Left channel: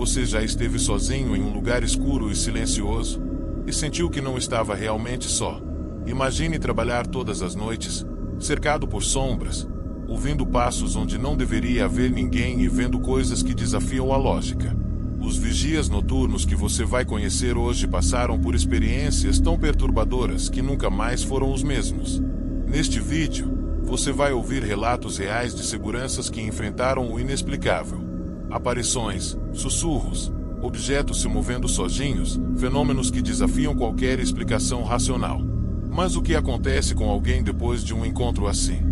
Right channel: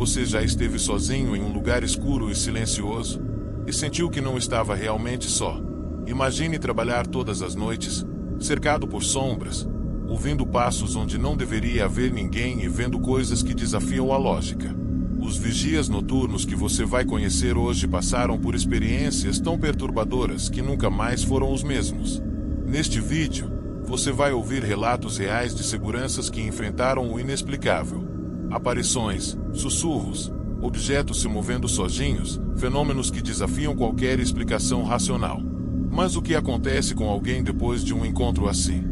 Você já esteve sozinho em um lugar escuro e silencioso? E sentiu que não estava realmente só? Imagine trabalhar todas as noites, cercado por sombras, ouvindo passos onde não deveria haver ninguém e vendo coisas que desafiam a lógica. Os vigias noturnos que você vai conhecer hoje passaram por experiências tão perturbadoras que nunca mais foram os mesmos. Neste vídeo, você vai ouvir relatos reais de seguranças que enfrentaram o inexplicável. Aparições, sussurros, objetos se movendo sozinhos, fenômenos que desafiam qualquer explicação racional. Mas o que acontece com alguém depois de um encontro assim?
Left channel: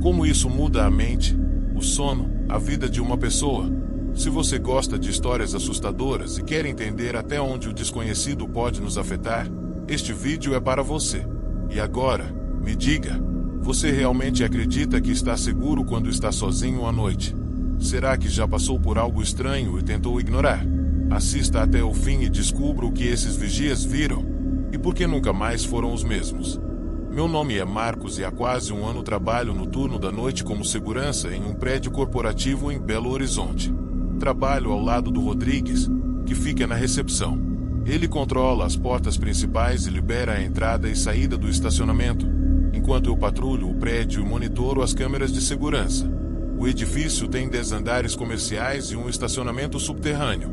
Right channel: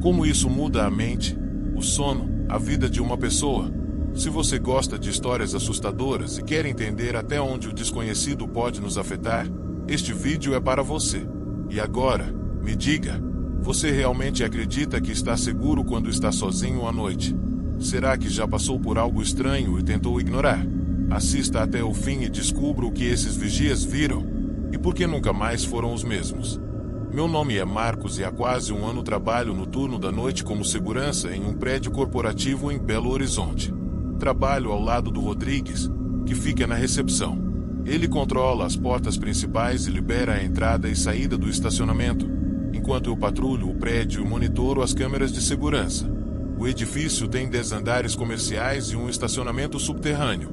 Como isso muda a mente, o sono, a vida de uma pessoa? Se você gosta de histórias assustadoras e quer entender até onde o desconhecido pode nos afetar, este vídeo é para você. E agora, me diga, você realmente acredita que está seguro quando está sozinho à noite? Será que já passou por algo estranho e tentou ignorar? Assista até o fim e descubra o que esses vigias viram e por que nunca mais foram os mesmos. Meu nome é Marcos e há quase um ano trabalho no turno da noite como segurança em um prédio corporativo em Belo Horizonte. Trabalho ao lado do Rodrigues, que fica na recepção. Ele controla as portas principais e libera a entrada e saída do estacionamento, enquanto eu patrulho o prédio e monitoro as câmeras de segurança. O edifício tem 10 andares comerciais e um estacionamento subterrâneo.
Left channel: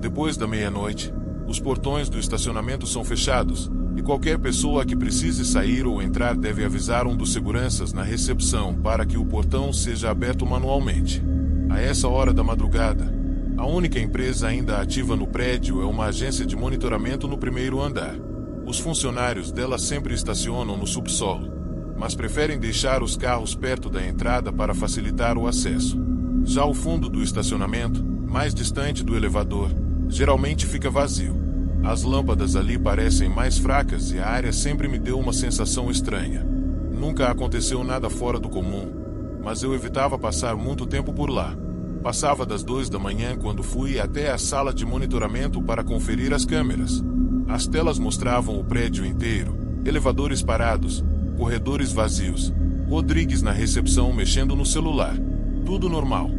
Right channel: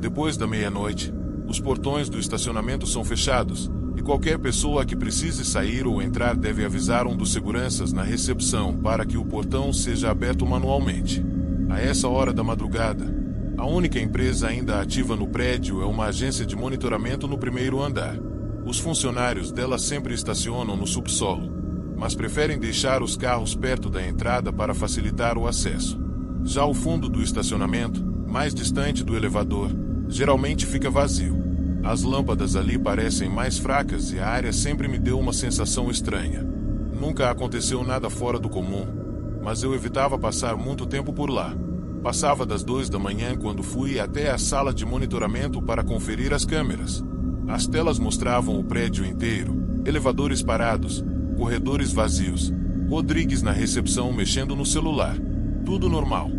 Depois da meia-noite, os portões do estacionamento são fechados, e qualquer pessoa que precise sair ou entrar deve avisar um dos seguranças na recepção para que o portão seja aberto manualmente. A essa hora da madrugada, a única empresa ainda ativa no prédio é uma agência de monitoramento no primeiro andar. Os funcionários dela sempre estacionam no subsolo, mas preferem deixar os carros perto da entrada para facilitar o acesso. Já o fundo do estacionamento, mais distante do elevador, geralmente fica vazio. As lâmpadas ali parecem mais fracas e a área sempre me deu uma sensação estranha. Nunca aconteceu nada fora do comum, mas eu evitava passar muito tempo por lá. Passava das 2 da manhã quando fui até a sala de monitoramento para conferir as câmeras. As telas mostravam o prédio inteiro, elevadores parados, corredores vazios, Rodrigues na recepção mexendo no celular. Tudo normal.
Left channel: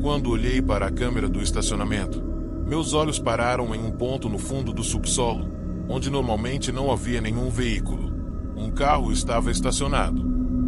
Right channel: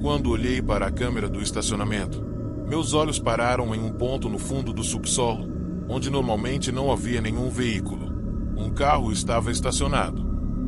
Quando olhei para a câmera do estacionamento, meus olhos pararam em um ponto no fundo do subsolo, onde normalmente não havia nenhum veículo. Um carro estava estacionado.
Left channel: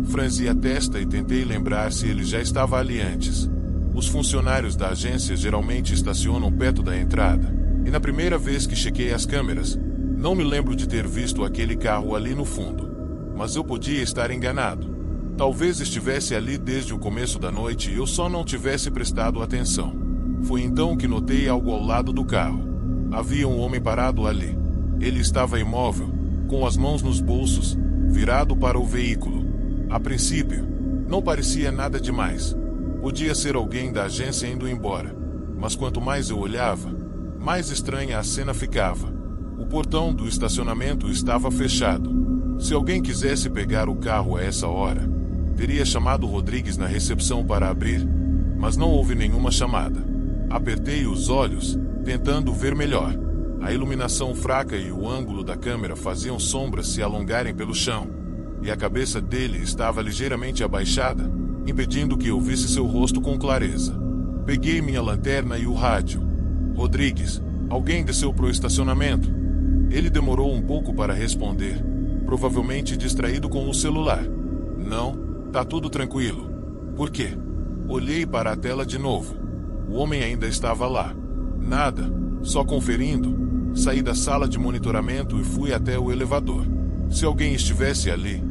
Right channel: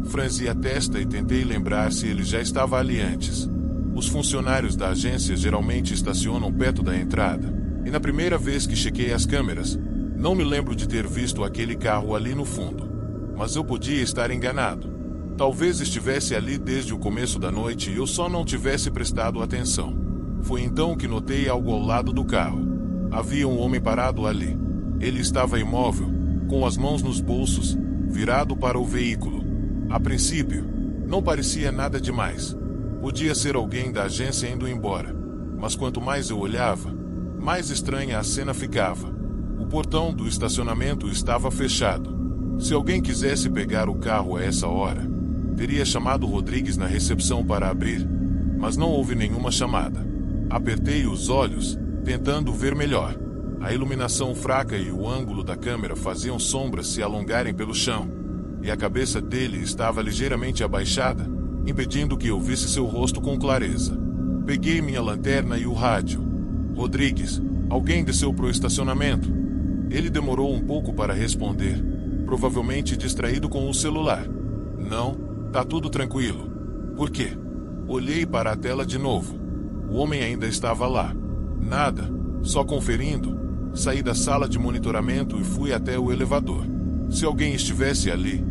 Franzi a testa e tentei lembrar se ele já estava ali antes. Os funcionários da agência geralmente estacionam perto da entrada, e na primeira vez que chequei as câmeras, não me lembro de ter visto aquele carro ali no fundo. Mas eu podia estar enganado. Talvez estivesse ali desde o começo da noite e eu só não tivesse prestado atenção. Foi então que notei algo ao lado do carro. Havia um homem parado ali. Ele estava imóvel, com as mãos nos bolsos, virado para o veículo. A princípio, não parecia nada demais. Podia ser alguém da agência indo embora. Mas quanto mais eu olhava, mais estranha a cena ficava. O portão do estacionamento estava fechado. Se alguém quisesse pegar o carro a essa hora, teria chamado Rodrigues na recepção para abrir, mas não houve nenhuma chamada. Apertei os olhos, tentando ver melhor. A iluminação fraca e o ângulo da câmera faziam sombras se alongarem pelo chão, e a cabeça dele estava ligeiramente abaixada, impedindo que eu visse seu rosto com clareza. Peguei minha lanterna e o rádio. Rodrigues, alguém desceu pro estacionamento. Ele demorou um pouco para responder, provavelmente distraído com o celular. Não, tá tudo tranquilo. Por quê? Olhei para a tela de novo. O homem ainda estava lá. Nada, só conferindo. Saí da sala de monitoramento e fui até o elevador. Se alguém estivesse ali,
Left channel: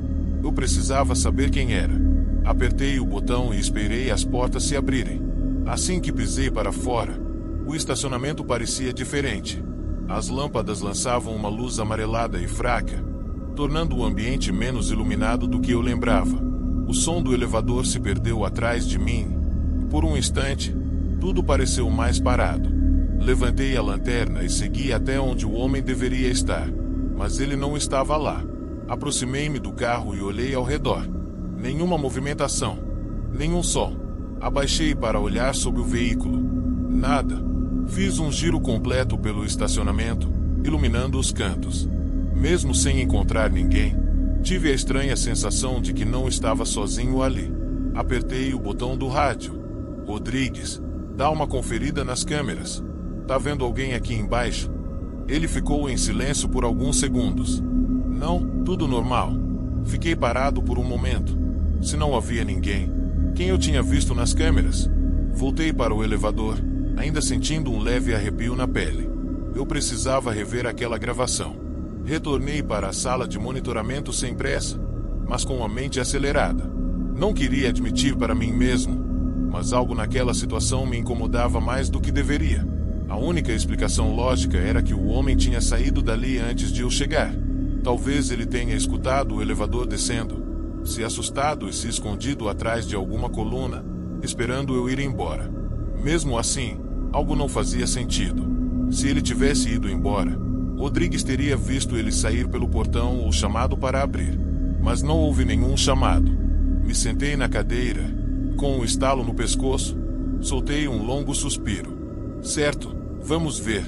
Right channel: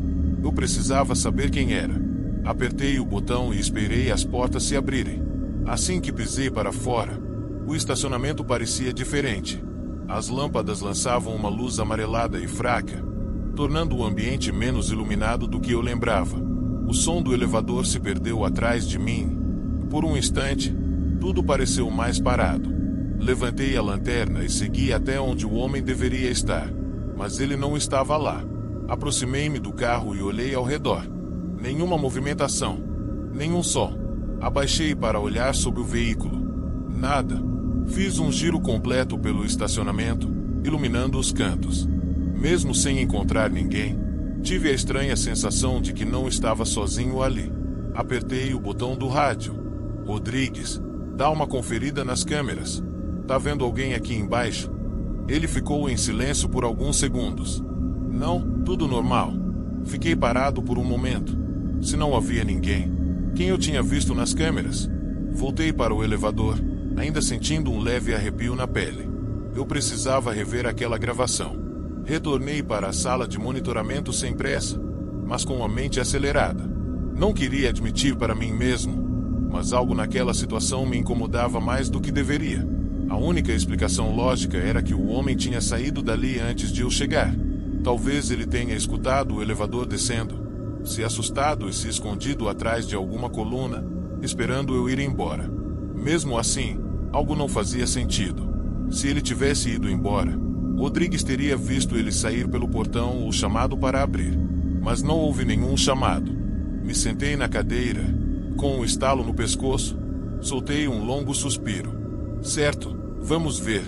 eu precisava saber quem era. Apertei o botão e esperei as portas se abrirem. Assim que pisei para fora, o estacionamento parecia diferente. As lâmpadas lançavam uma luz amarelada e fraca, tornando o ambiente menos iluminado do que eu lembrava. O som do elevador se perdeu atrás de mim, e por um instante, tudo pareceu mais parado. Levantei a lanterna e segui até onde o homem deveria estar, mas ele não estava lá. Aproximei-me do carro e olhei ao redor. Nenhuma movimentação, nenhum som. Abaixei para olhar sobre o veículo. Nada. Fiz um giro completo pelo estacionamento, iluminando os cantos. Mesmo sem encontrar ninguém, tive a estranha sensação de que não estava sozinho ali. Apertei o botão do rádio. Rodrigues, dá uma conferida nas câmeras. Tá vendo alguém aqui embaixo? Ele ficou em silêncio por alguns segundos. Não, tudo normal. Fiquei parado por um momento. Se não havia ninguém, quem eu tinha visto nas câmeras? Voltei para o elevador, ainda sentindo um leve arrepio na pele. Eu precisava rever aquela gravação. Retornei para a sala de monitoramento sem pressa, mas com a mente acelerada. Não queria admitir para mim mesmo, mas algo naquela situação me incomodava mais do que deveria. A única explicação lógica era que o homem tinha saído dali antes de eu chegar. Talvez ele tenha escutado o elevador descendo, se assustado e se escondido atrás de alguma coluna, esperando eu ir embora. Mesmo assim, algo não fazia sentido. Se ele tivesse ido embora, Rodrigues teria visto ele sair pelo portão ou chamado para abrir. Mas não houve nenhum chamado. Me sentei na cadeira, com um estalo no pescoço, soltei um longo suspiro. Certo, vamos ver.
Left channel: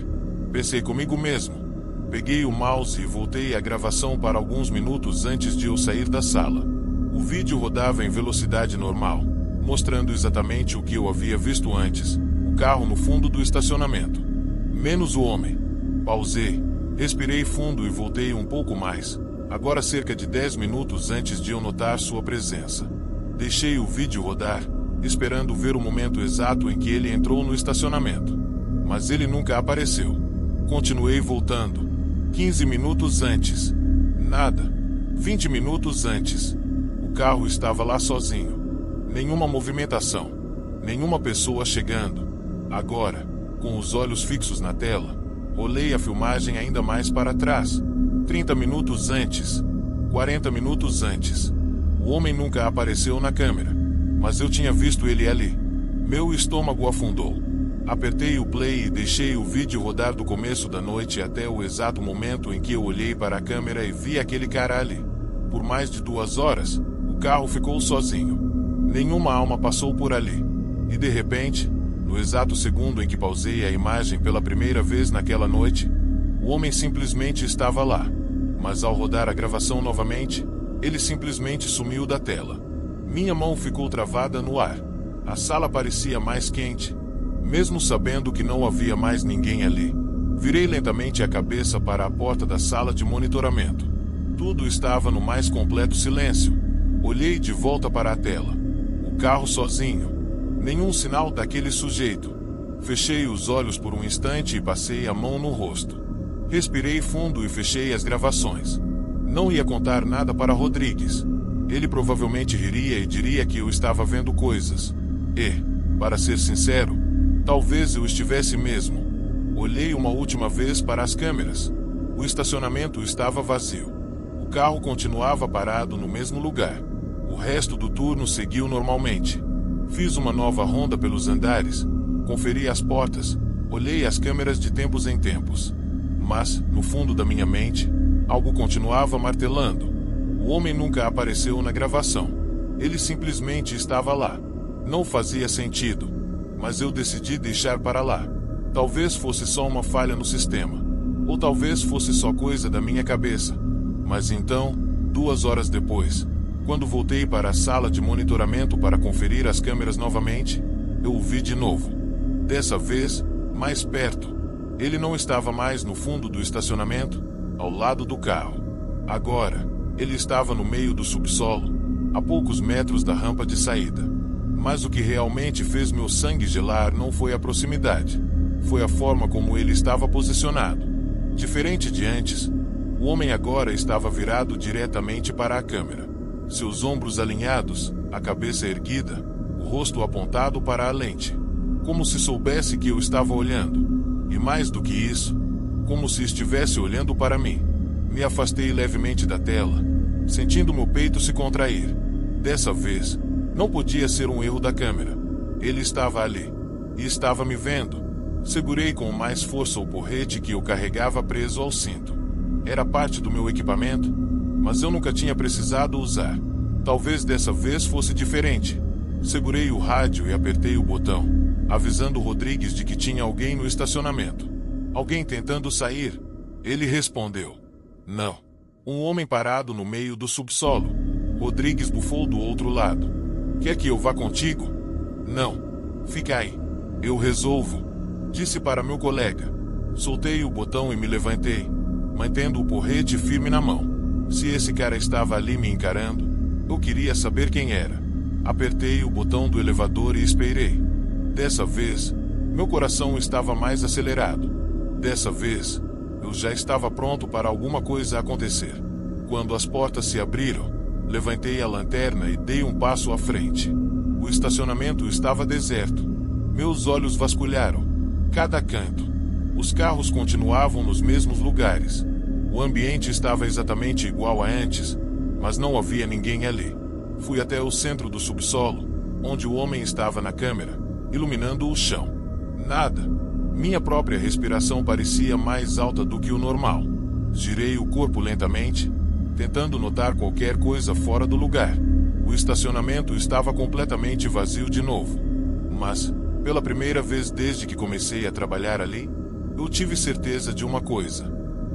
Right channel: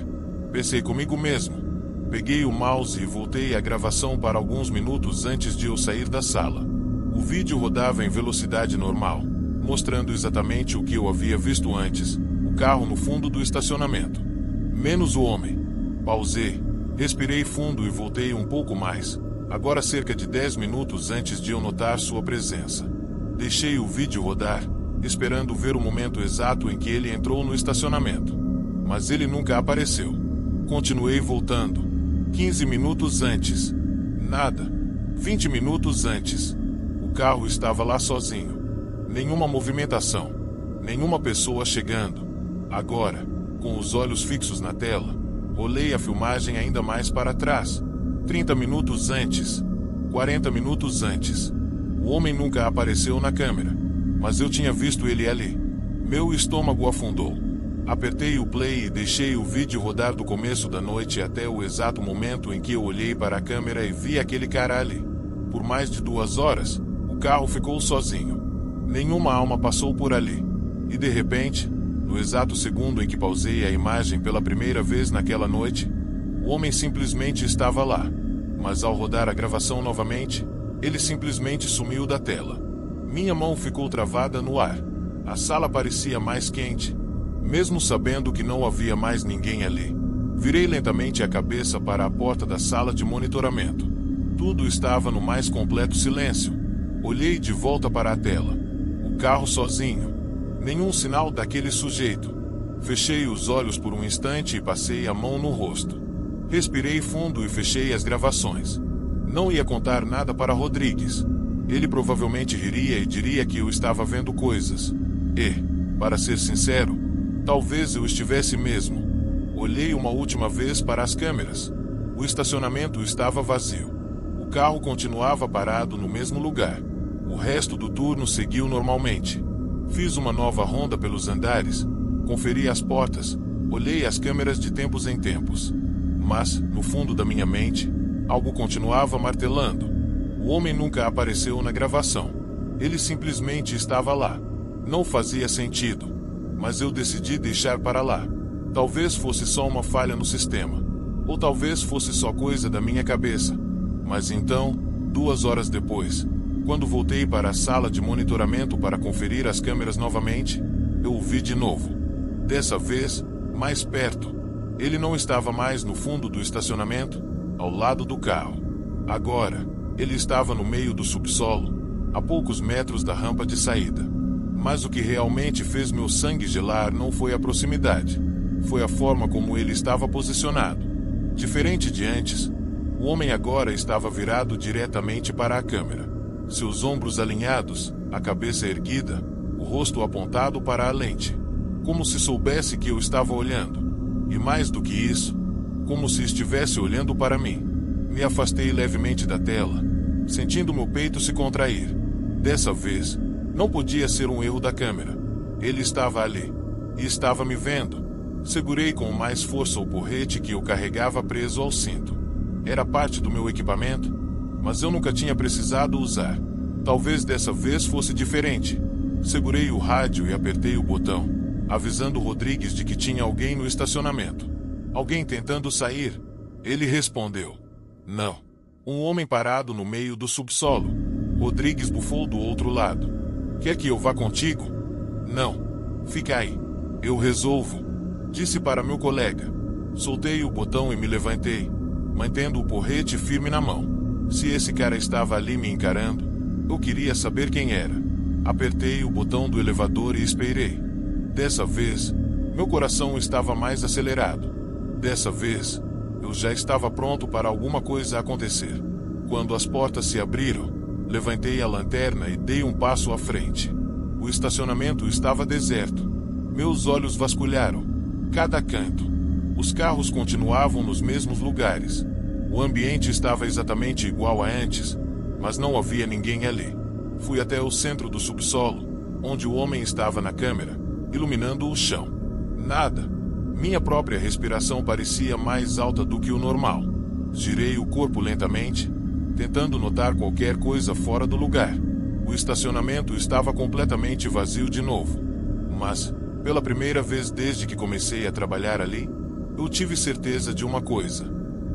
Pensei comigo mesmo. Peguei o mouse e voltei a gravação para alguns minutos antes de eu sair da sala. O vídeo rodava em velocidade normal, mostrando exatamente o que eu havia visto antes, o carro no fundo do estacionamento. Menos o homem. Pausei, respirei fundo e voltei um pouco mais, agora cerca de 10 minutos antes de eu notar sua presença. Deixei o vídeo rodar, esperando ver o momento exato em que ele entrou no estacionamento. Mas ele nunca apareceu. Continuei voltando. 15 minutos antes. Nada. 20 minutos antes. O carro estava lá sozinho. Nenhuma movimentação. Nenhuma pessoa chegando. Agora, com os olhos fixos na tela, rolei a filmagem ainda mais para trás. 30 minutos antes. 40 minutos antes. O homem nunca apareceu na câmera. Mas eu tinha visto ele ali. Meu estômago afundou. Apertei o play e deixei o vídeo rodar do começo da noite até o exato momento em que eu olhei para a câmera e vi aquele cara ali. Por mais de 2 horas, o carro ficou sozinho. Nenhuma alma passou por ali. E de repente, no exato segundo em que pausei a imagem pela primeira vez naquela noite, o homem simplesmente estava lá. Mas ao rodar a gravação novamente, ele simplesmente sumiu da tela. Minha mão ficou travada no ar. A sala parecia mais quente. Mesmo sabendo que não havia mais ninguém ali, virei lentamente a cabeça para a porta da sala de monitoramento. Tudo estava no mais completo silêncio. Olhei de volta para a tela. O carro sozinho. Nenhum sinal daquele sujeito. Fechei os olhos por um instante e passei a mão no rosto. Respirei fundo e fechei as gravações. Não ia contar nada para Rodrigues. Ele provavelmente riria e diria que eu estava vendo coisas. E, para ser sincero, talvez eu estivesse mesmo. Olhei uma última vez para as câmeras. O estacionamento estava vazio. O carro continuava parado no mesmo lugar. O resto do turno seguiu normalmente. Fiz uma nova ronda pelos andares, conferi as portas, olhei as câmeras de tempos em tempos. Mas, no fundo da minha mente, algo continuava martelando. O homem nunca apareceu na gravação. Ele simplesmente estava lá. Não fazia sentido. Mas eu decidi deixar para lá. Talvez fosse só uma falha no sistema. Ou talvez fosse só coisa da minha cabeça. Mas então, 2 horas depois, quando voltei para a sala de monitoramento para conferir as câmeras novamente, eu o vi de novo. Dessa vez, mais perto. Ele não estava mais no fundo do estacionamento, ao lado do carro. Agora, ele estava no meio do subsolo, a poucos metros da rampa de saída. Mas o que realmente fez meu sangue gelar não foi a proximidade. Foi a forma como ele estava posicionado. Diferente de antes, o homem agora estava virado diretamente para a câmera. Seus ombros alinhados, a cabeça erguida, o rosto apontado para a lente. Como se soubesse que eu estava olhando. E mais do que isso, como se estivesse olhando para mim. Me afastei levemente da tela, sentindo meu peito se contrair. Dessa vez, não podia ser um erro da câmera. Ele estava ali. E estava me vendo. Segurei com mais força o porrete que eu carregava preso ao cinto. Era parte do meu equipamento, mas eu nunca tinha precisado usar. Talvez dessa vez fosse diferente. Segurei o rádio e apertei o botão, avisando Rodrigues de que tinha alguém no estacionamento. Alguém tentando sair. Ele respondeu. Não. Um homem parado no meio do subsolo. Rodrigues bufou do outro lado. Quer que eu vá contigo? Não. Fica aí. Eu resolvo. Disse para meu colega. Soltei o botão e me levantei, mantendo o porrete firme na mão. Se esse cara estava ali me encarando, eu queria saber quem era. Apertei o botão do elevador e esperei. Dessa vez, meu coração estava mais acelerado. Dessa vez, eu já estava pronto para alguma coisa acontecer. Quando as portas se abriram, levantei a lanterna e dei um passo à frente. O estacionamento estava deserto. Meus olhos vasculharam cada canto. Os carros continuavam nos mesmos lugares. O ambiente estava exatamente igual a antes, mas não havia ninguém ali. Fui até o centro do subsolo, onde o homem estava na câmera, iluminando o chão. Nada. Minha própria respiração parecia mais alta do que o normal. Girei o corpo lentamente, tentando notar qualquer coisa fora do lugar. O estacionamento estava completamente vazio de novo. Mas, pela primeira vez desde que comecei a trabalhar ali, eu tive certeza de uma coisa.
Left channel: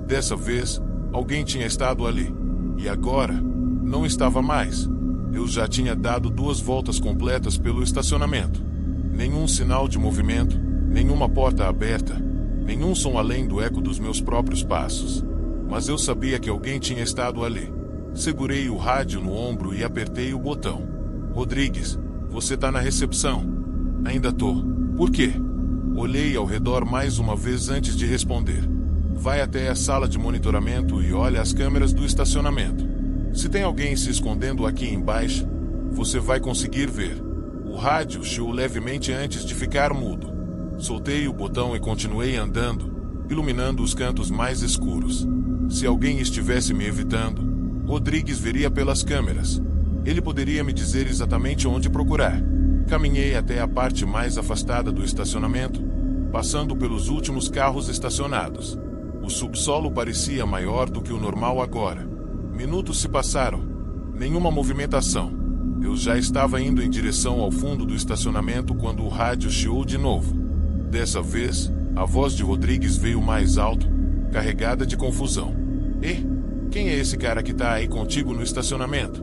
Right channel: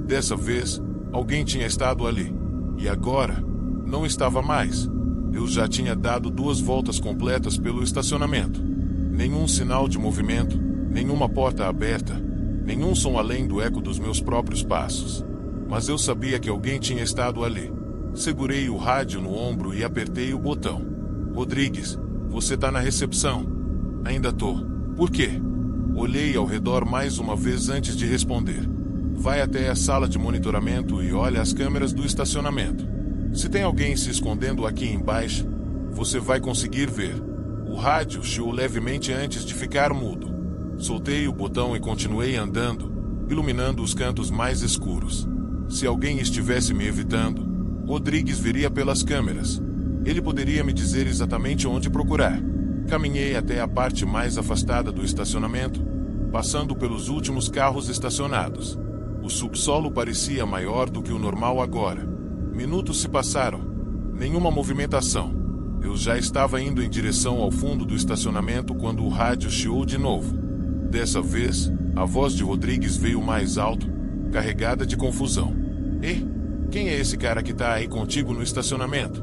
Dessa vez, alguém tinha estado ali. E agora, não estava mais. Eu já tinha dado 2 voltas completas pelo estacionamento. Nenhum sinal de movimento, nenhuma porta aberta, nenhum som além do eco dos meus próprios passos. Mas eu sabia que alguém tinha estado ali. Segurei o rádio no ombro e apertei o botão. Rodrigues, você tá na recepção. Ainda tô. Por quê? Olhei ao redor mais uma vez antes de responder. Vai até a sala de monitoramento e olha as câmeras do estacionamento. Se tem alguém se escondendo aqui embaixo, você vai conseguir ver. O rádio chiou levemente antes de ficar mudo. Soltei o botão e continuei andando, iluminando os cantos mais escuros. Se alguém estivesse me evitando, Rodrigues veria pelas câmeras. Ele poderia me dizer exatamente onde procurar. Caminhei até a parte mais afastada do estacionamento, passando pelos últimos carros estacionados. O subsolo parecia maior do que o normal agora. Minutos se passaram. Nenhuma movimentação. Eu já estava indo em direção ao fundo do estacionamento quando o rádio chiou de novo. Dessa vez, a voz de Rodrigues veio mais alto, carregada de confusão. E quem é esse cara que tá aí contigo no estacionamento?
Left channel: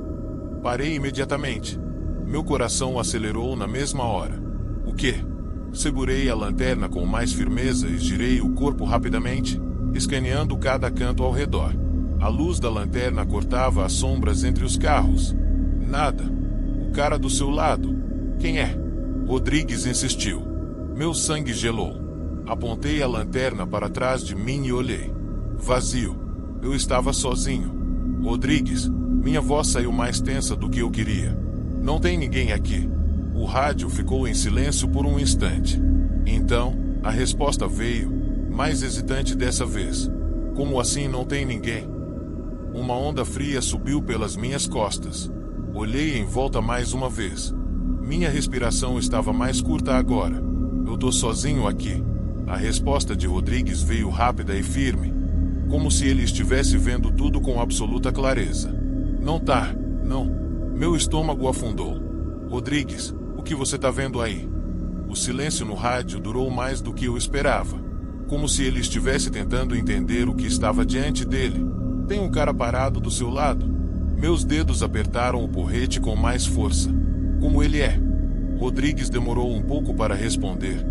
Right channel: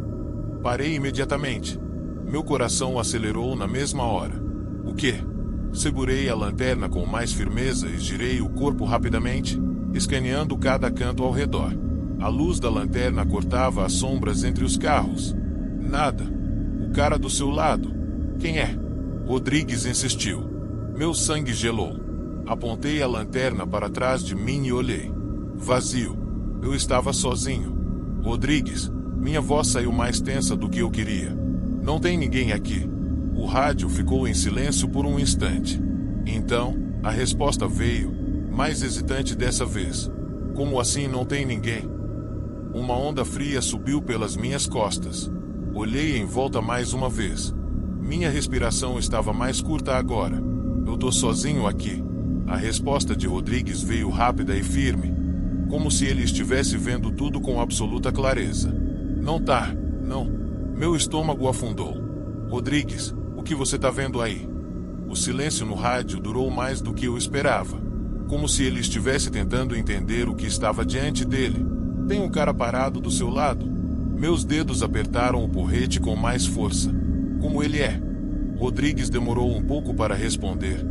Parei imediatamente. Meu coração acelerou na mesma hora. O quê? Segurei a lanterna com mais firmeza e girei o corpo rapidamente, escaneando cada canto ao redor. A luz da lanterna cortava as sombras entre os carros. Nada. O cara do seu lado. Quem é? Rodrigues insistiu. Meu sangue gelou. Apontei a lanterna para trás de mim e olhei. Vazio. Eu estava sozinho. Rodrigues, minha voz saiu mais tensa do que eu queria. Não tem ninguém aqui. O rádio ficou em silêncio por um instante. Então, a resposta veio, mais hesitante dessa vez. Como assim não tem ninguém? Uma onda fria subiu pelas minhas costas. Olhei em volta mais uma vez. Minha respiração estava mais curta agora. Eu tô sozinho aqui. A resposta de Rodrigues veio rápida e firme, como se ele estivesse vendo tudo com absoluta clareza. Não tá, não. Meu estômago afundou. Rodrigues, o que você tá vendo aí? O silêncio no rádio durou mais do que eu esperava. Como se ele estivesse tentando entender o que estava diante dele. Tem um cara parado do seu lado? Meus dedos apertaram o porrete com mais força. Como ele é? Rodrigues demorou um pouco para responder,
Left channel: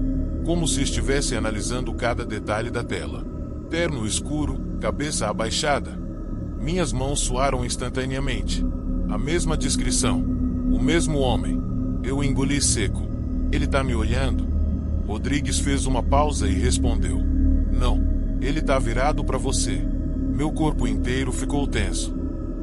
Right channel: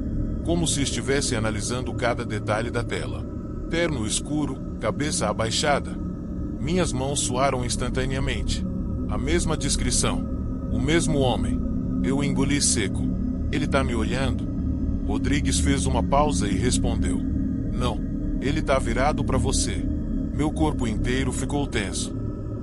como se estivesse analisando cada detalhe da tela. Terno escuro, cabeça abaixada. Minhas mãos suaram instantaneamente. A mesma descrição. O mesmo homem. Eu engoli seco. Ele tá me olhando? Rodrigues fez uma pausa e respondeu. Não. Ele tá virado para você. Meu corpo inteiro ficou tenso.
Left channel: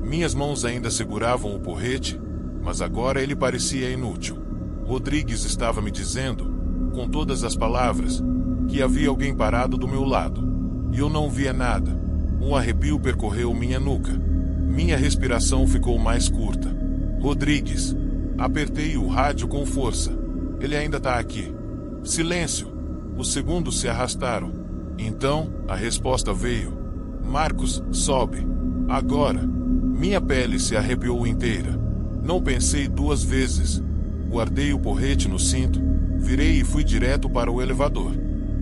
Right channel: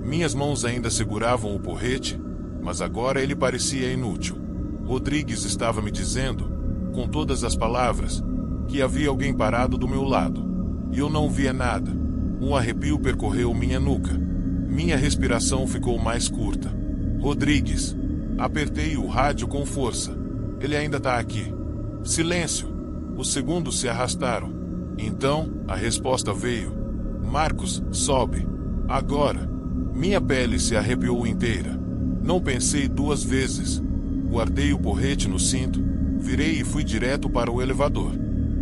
Minhas mãos ainda seguravam o porrete, mas agora ele parecia inútil. Rodrigues estava me dizendo, com todas as palavras, que havia alguém parado do meu lado. E eu não via nada. Um arrepio percorreu minha nuca. Minha respiração ficou mais curta. Rodrigues. Apertei o rádio com força. Ele ainda tá aqui. Silêncio. Os segundos se arrastaram. Então, a resposta veio. Marcos, sobe. Agora. Minha pele se arrepiou inteira. Não pensei 2 vezes. Guardei o porrete no cinto, virei e fui direto para o elevador.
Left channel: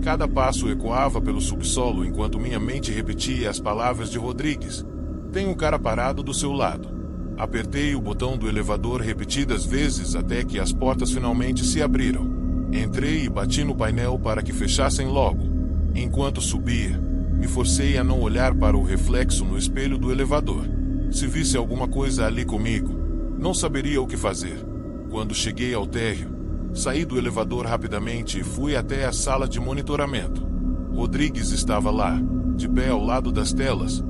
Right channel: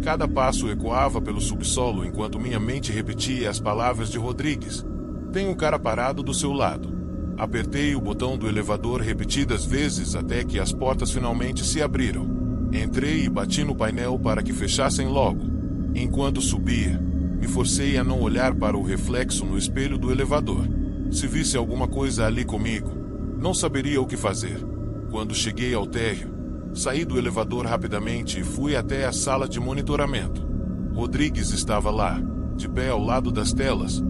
Cada passo ecoava pelo subsolo enquanto minha mente repetia as palavras de Rodrigues. Tem um cara parado do seu lado. Apertei o botão do elevador repetidas vezes até que as portas finalmente se abriram. Entrei e bati no painel para que fechassem logo. Enquanto subia, me forcei a não olhar para o reflexo no espelho do elevador. Se visse alguma coisa ali comigo, não saberia o que fazer. Quando cheguei ao térreo, saí do elevador rapidamente e fui até a sala de monitoramento. Rodrigues estava lá, de pé ao lado das telas,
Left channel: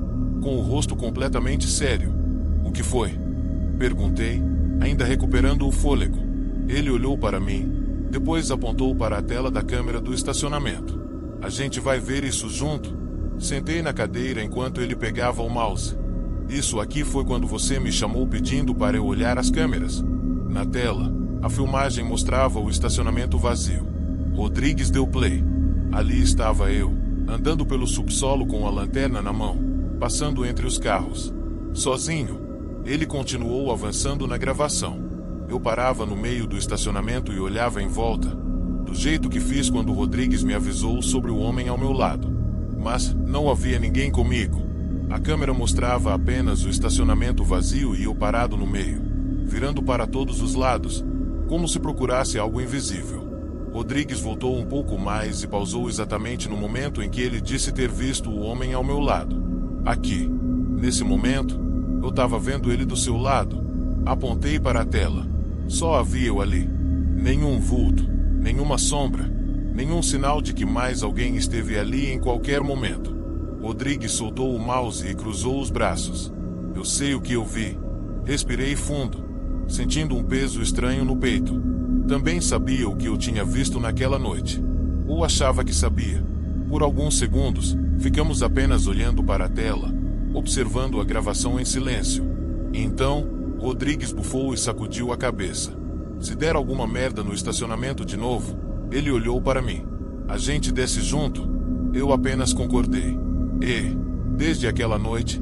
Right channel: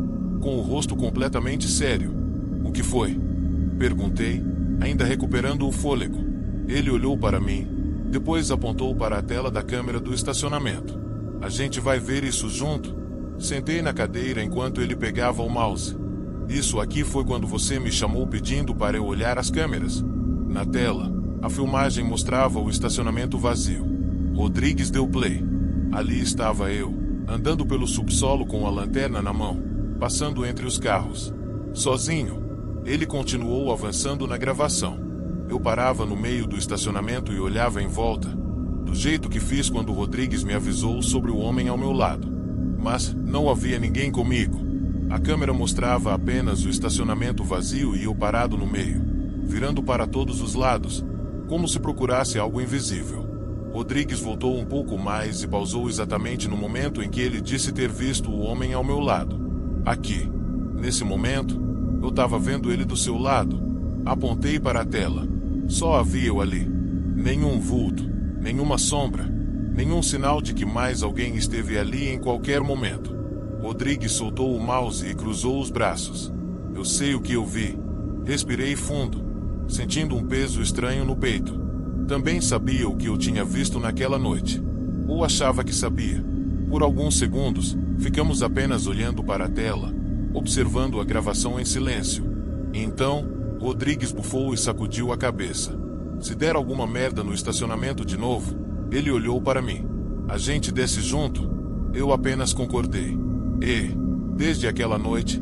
com o rosto completamente sério. O que foi? Perguntei, ainda recuperando o fôlego. Ele olhou para mim, depois apontou para a tela da câmera do estacionamento. A gente vai ver isso junto? Sentei na cadeira enquanto ele pegava o mouse. Isso aqui foi quando você me chamou pedindo para eu olhar as câmeras. Na tela, a filmagem mostrava o estacionamento vazio. Rodrigues deu play. Ali estava eu, andando pelo subsolo com a lanterna na mão, passando entre os carros. Sozinho. Ele continuou avançando na gravação. Eu parava no meio do estacionamento e olhava em volta, do jeito que fiz quando Rodrigues me avisou sobre o homem ao meu lado. Mas não havia ninguém comigo. A câmera mostrava apenas o estacionamento vazio e eu parado no meio, virando para todos os lados, como se procurasse algo invisível. Rodrigues voltou um pouco mais e pausou exatamente no momento em que ele disse ter visto o homem ao meu lado. Aqui. Nesse momento, eu estava vendo ele do seu lado. Apontei para a tela. Só havia eu ali. Nenhum vulto, nenhuma sombra, nenhum sinal de que mais alguém esteve ali em qualquer momento. Rodrigues soltou o mouse e cruzou os braços. Eu sei o que eu vi. Respirei fundo, sentindo um peso estranho no peito. Também sabia o que eu tinha visto naquela noite. Ou achava que sabia. Por alguns segundos, ficamos apenas olhando para a tela, observando a gravação em silêncio. Então, Rodrigues bufou e sacudiu a cabeça. Se der alguma merda no estacionamento de novo, ele olhou para mim. A gente desce junto? Eu apenas concordei. E, desde aquela noite,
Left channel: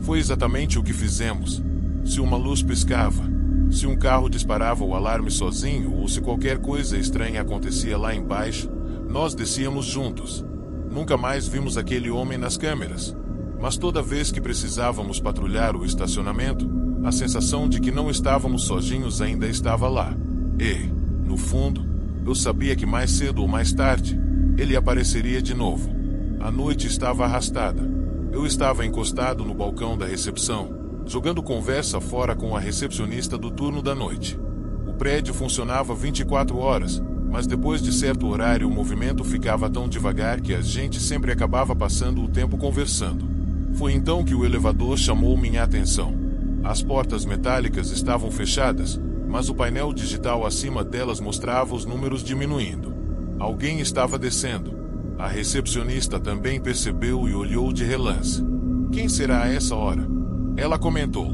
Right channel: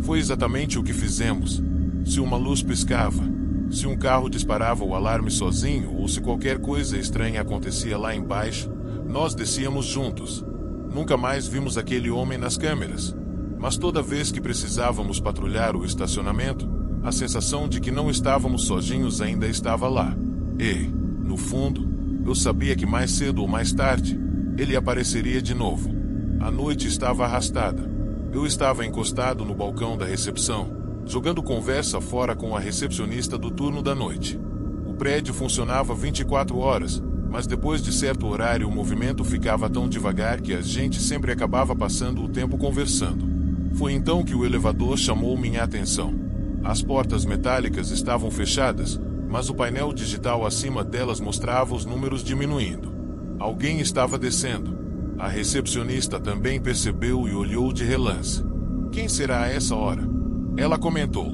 foi exatamente o que fizemos. Se uma luz piscava, se um carro disparava o alarme sozinho ou se qualquer coisa estranha acontecia lá embaixo, nós descíamos juntos. Nunca mais vimos aquele homem nas câmeras. Mas toda vez que precisávamos patrulhar o estacionamento, a sensação de que não estávamos sozinhos ainda estava lá. E, no fundo, eu sabia que mais cedo ou mais tarde, ele apareceria de novo. A noite estava arrastada. Eu estava encostado no balcão da recepção, jogando conversa fora com a recepcionista do turno da noite. O prédio funcionava 24 horas, mas depois de certo horário o movimento ficava tão devagar que a gente sempre acabava passando o tempo conversando. Foi então que o elevador chamou minha atenção. As portas metálicas estavam fechadas, mas o painel digital acima delas mostrava os números diminuindo. Alguém estava descendo. A recepcionista também percebeu e olhou de relance. Quem será a essa hora? Ela comentou.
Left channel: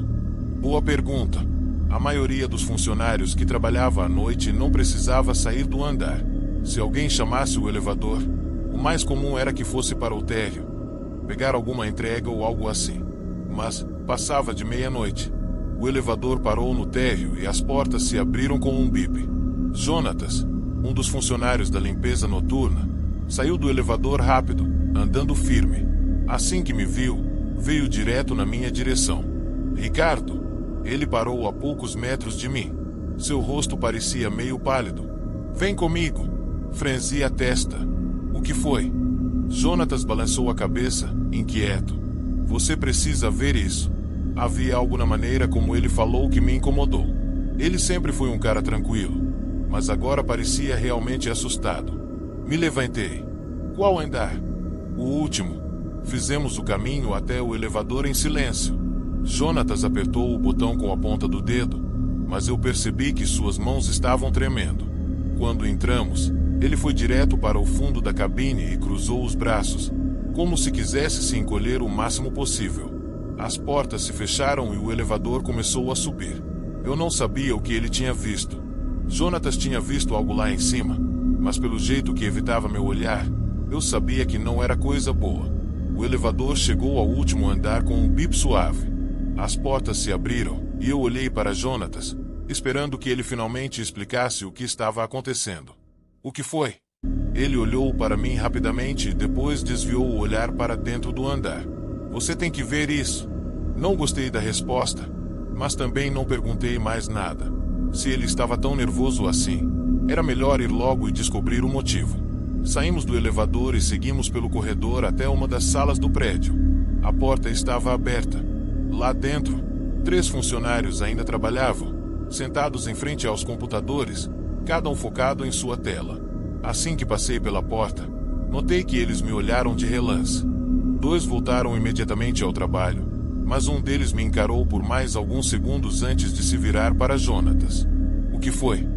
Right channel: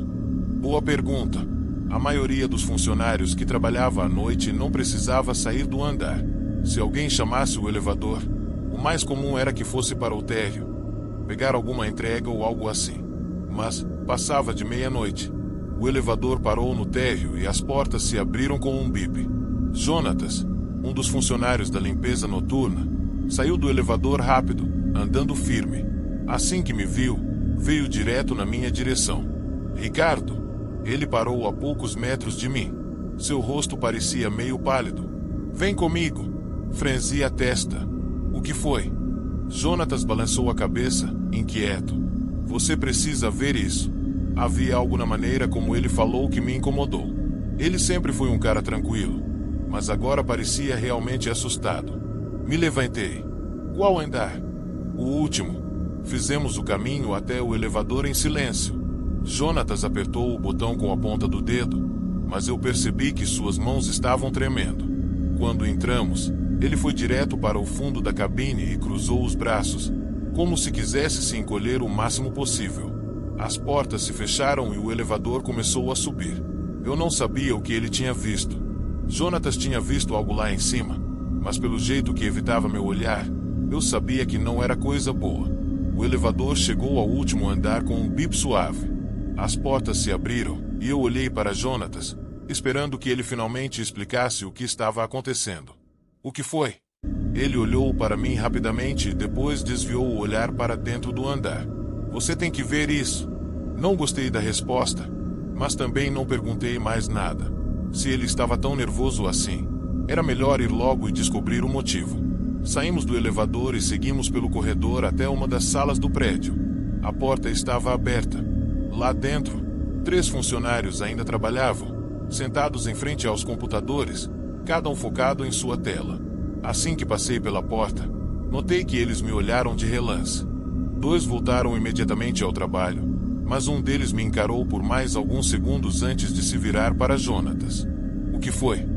Boa pergunta. A maioria dos funcionários que trabalhava à noite não precisava sair do andar. Se alguém chamasse o elevador, o mais comum era que fosse para o térreo, pegar alguma entrega ou algo assim. Mas passava de meia-noite. O elevador parou no térreo e as portas se abriram com um bip. Jonatas, um dos funcionários da limpeza noturna, saiu do elevador rápido, andando firme. Assim que me viu, veio direto na minha direção. Ricardo. Ele parou a poucos metros de mim. Seu rosto parecia meio pálido. Vem comigo. Franzi a testa. O que foi? Jonatas balançou a cabeça, inquieto. Você precisa ver isso. Havia algo na maneira como ele falou que me incomodou. Ele sempre foi um cara tranquilo, mas agora parecia realmente assustado. Me levantei. Qual andar? O último. Fizemos o caminho até o elevador em silêncio. Jonatas apertou o botão com a ponta do dedo, mas eu percebi que suas mãos estavam tremendo. Quando entramos, ele foi direto para o fundo da cabine e cruzou os braços, como se quisesse se encolher o máximo possível. As portas se fecharam e o elevador começou a subir. Eu não sabia o que ele tinha visto. Jonatas tinha visto algo lá em cima, mas pelo jeito que evitava meu olhar, eu sabia que não era coisa boa. O elevador chegou ao último andar com um bip suave. As portas se abriram, e eu olhei para Jonatas, esperando que ele finalmente explicasse o que estava acontecendo. O que foi? Ele olhou para mim rapidamente e depois desviou o olhar para dentro do andar. Você tem que ver isso. Não gostei da resposta, mas também não perguntei mais nada. Se ele estava tão nervoso assim, Era melhor ir logo e descobrir o motivo. Saímos do elevador e seguimos pelo corredor até uma das salas do prédio. A porta estava aberta. Lá dentro, 3 funcionários ainda trabalhavam, sentados em frente aos computadores, cada um focado em sua tela. Assim que passei pela porta, notei que eles me olharam de relance. 2 voltaram imediatamente ao trabalho, mas um deles me encarou por mais alguns segundos antes de se virar para Jonatas. "O que foi?"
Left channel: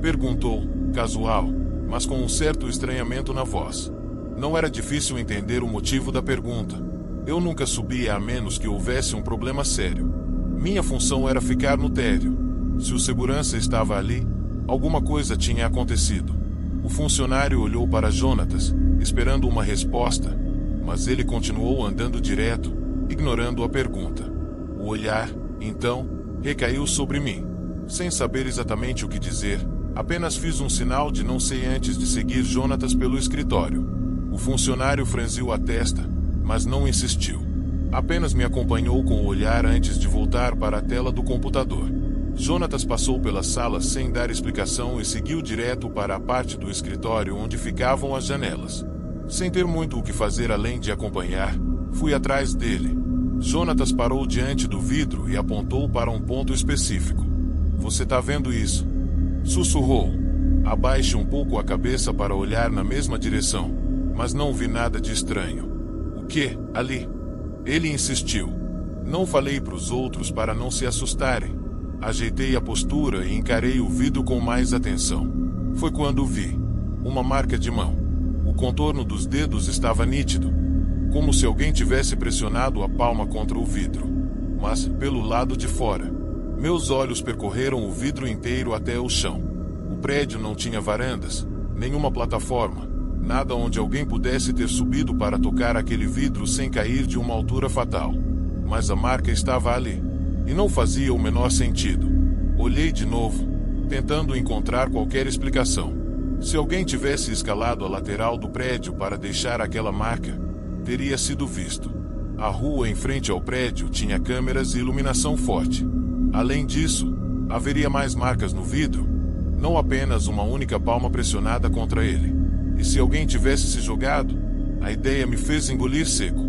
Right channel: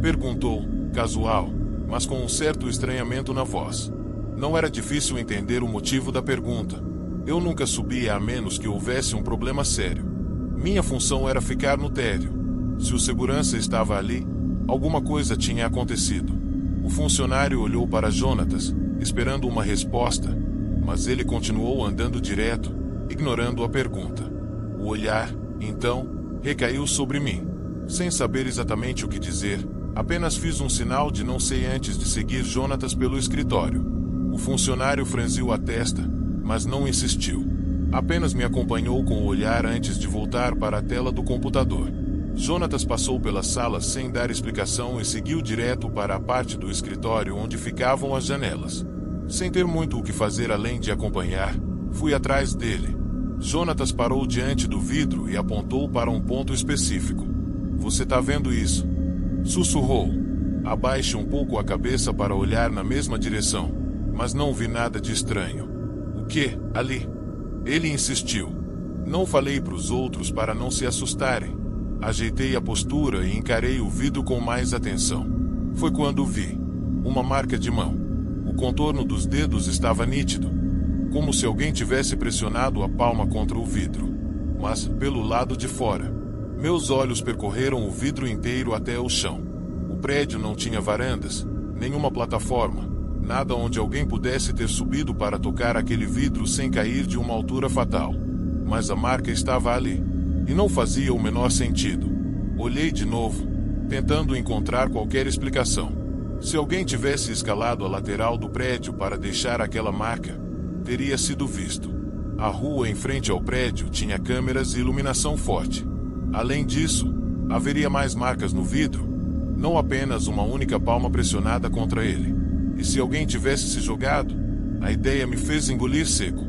perguntou, casual, mas com um certo estranhamento na voz. Não era difícil entender o motivo da pergunta. Eu nunca subia a menos que houvesse um problema sério. Minha função era ficar no térreo. Se o segurança estava ali, alguma coisa tinha acontecido. O funcionário olhou para Jonatas, esperando uma resposta, mas ele continuou andando direto, ignorando a pergunta. O olhar, então, recaiu sobre mim. Sem saber exatamente o que dizer, apenas fiz um sinal de não sei antes de seguir Jonatas pelo escritório. O funcionário franziu a testa, mas não insistiu. Apenas me acompanhou com o olhar antes de voltar para a tela do computador. Jonatas passou pela sala sem dar explicação e seguiu direto para a parte do escritório onde ficavam as janelas. Sem ter muito o que fazer além de acompanhar, fui atrás dele. Jonatas parou diante do vidro e apontou para um ponto específico. "Você tá vendo isso?" sussurrou. Abaixe um pouco a cabeça para olhar na mesma direção, mas não vi nada de estranho. "O que? Ali?" Ele insistiu. Não falei para os outros para não se assustarem. Ajeitei a postura e encarei o vidro com mais atenção. Foi quando vi uma marca de mão. O contorno dos dedos estava nítido, como se alguém tivesse pressionado a palma contra o vidro, mas pelo lado de fora. Meus olhos percorreram o vidro inteiro até o chão. O prédio não tinha varandas, nenhuma plataforma, nada onde alguém pudesse ter subido para tocar aquele vidro sem cair de uma altura fatal. Mas a marca estava ali, e não fazia o menor sentido. Olhei de novo, tentando encontrar qualquer explicação. Se alguém tivesse escalado a lateral do prédio para deixar aquela marca, teria sido visto. A rua em frente ao prédio tinha câmeras e iluminação forte. Além disso, haveria mais marcas no vidro, não apenas uma única palma pressionada contra ele. E se alguém tivesse se jogado, a ideia me fez engolir seco.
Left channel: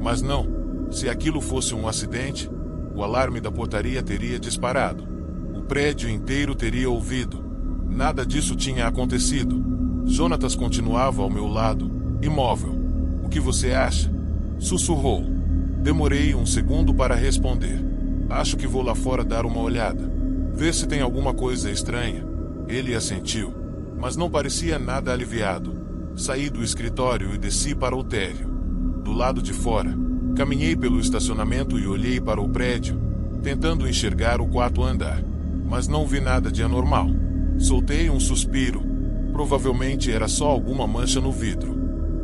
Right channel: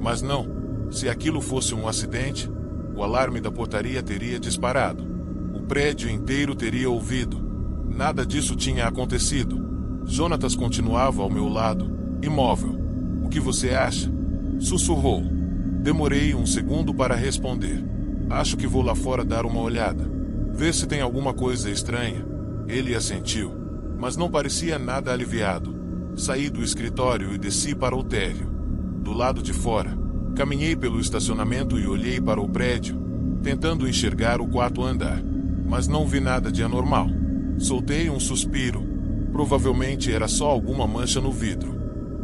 Mas não, se aquilo fosse um acidente, o alarme da portaria teria disparado. O prédio inteiro teria ouvido. Nada disso tinha acontecido. Jonatas continuava ao meu lado, imóvel. "O que você acha?" sussurrou. Demorei um segundo para responder. "Acho que vou lá fora dar uma olhada. Ver se tem alguma coisa estranha." Ele assentiu, mas não parecia nada aliviado. Saí do escritório e desci para o térreo. Do lado de fora, caminhei pelo estacionamento e olhei para o prédio, tentando enxergar o 4º andar. Mas não vi nada de anormal. Soltei um suspiro. Provavelmente era só alguma mancha no vidro.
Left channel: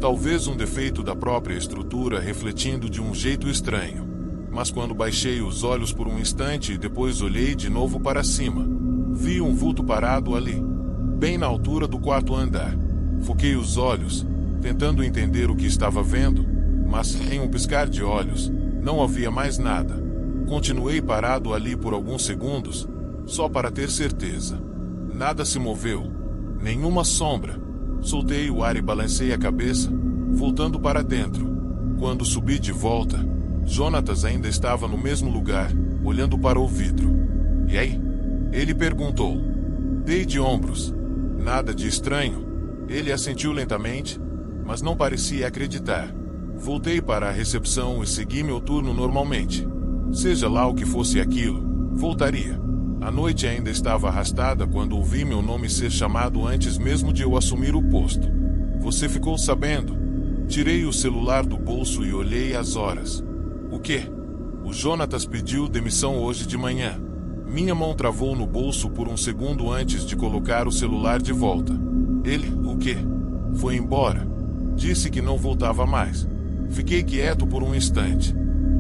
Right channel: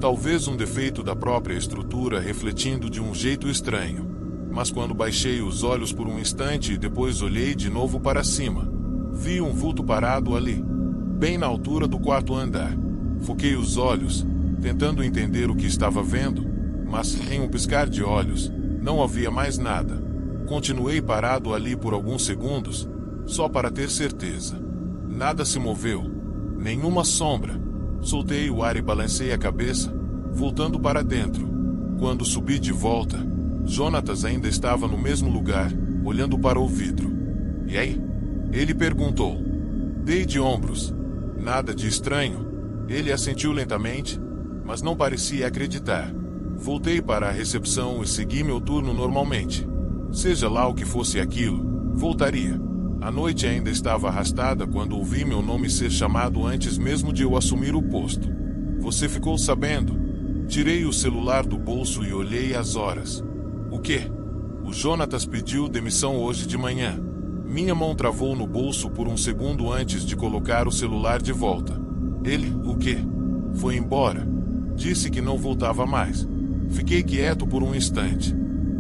Talvez um defeito da própria estrutura refletindo de um jeito estranho. Mas quando baixei os olhos por um instante e depois olhei de novo para cima, vi um vulto parado ali, bem na altura do 4º andar. Foquei os olhos, tentando entender o que estava vendo, mas, em um piscar de olhos, não havia mais nada. Continuei parado ali por alguns segundos, só para ter certeza. Nada se moveu, nenhuma sombra. Soltei o ar e balancei a cabeça, voltando para dentro. Quando subi de volta, Jonatas ainda estava no mesmo lugar, olhando para o vidro. "E aí?" ele perguntou. Dei de ombros. "Nada de estranho." Ele assentiu lentamente, mas não parecia acreditar. Voltei para a recepção e segui meu turno normalmente. Seja lá o que fosse aquilo, voltaria. A noite ainda estava arrastada quando ouvi meu nome ser chamado antes mesmo de eu assumir o posto. "Você ficou sabendo?" Tirei o celular do bolso e olhei as horas. "O quê?" "O Jonatas pediu demissão hoje de manhã." Minha mão travou no bolso por um segundo antes de colocar o celular de volta. "Ele, o quê?" "Foi embora. Disse que não voltava mais." Fiquei quieto por um instante.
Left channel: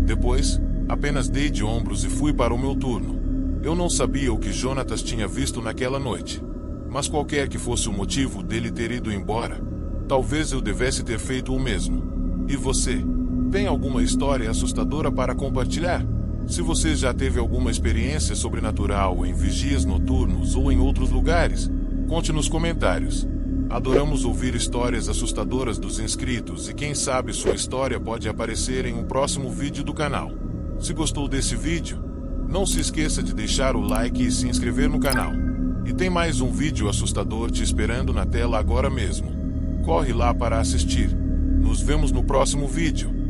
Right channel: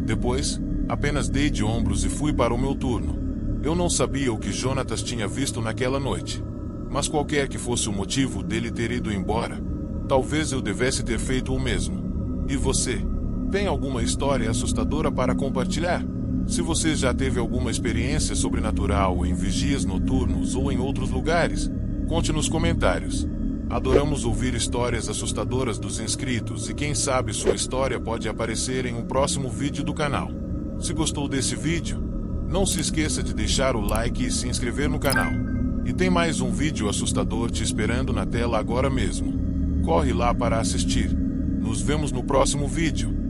Depois, apenas dei de ombros e fui para o meu turno. Eu não sabia o que Jonatas tinha visto naquela noite. Mas qualquer que fosse o motivo dele ter ido embora, talvez eu devesse ter feito o mesmo. E você? Tem alguma história assustadora para compartilhar? Se você já teve alguma experiência sobrenatural em vigias noturnos ou em outros lugares, Conte nos comentários. Adoramos ouvir histórias assustadoras dos inscritos e quem sabe sua história pode aparecer em um próximo vídeo do canal. Se gostou desse vídeo, não se esqueça de deixar o like e se inscrever no canal. E tem mais um vídeo assustador te esperando na tela agora mesmo. Corre lá para assistir. Nos vemos no próximo vídeo.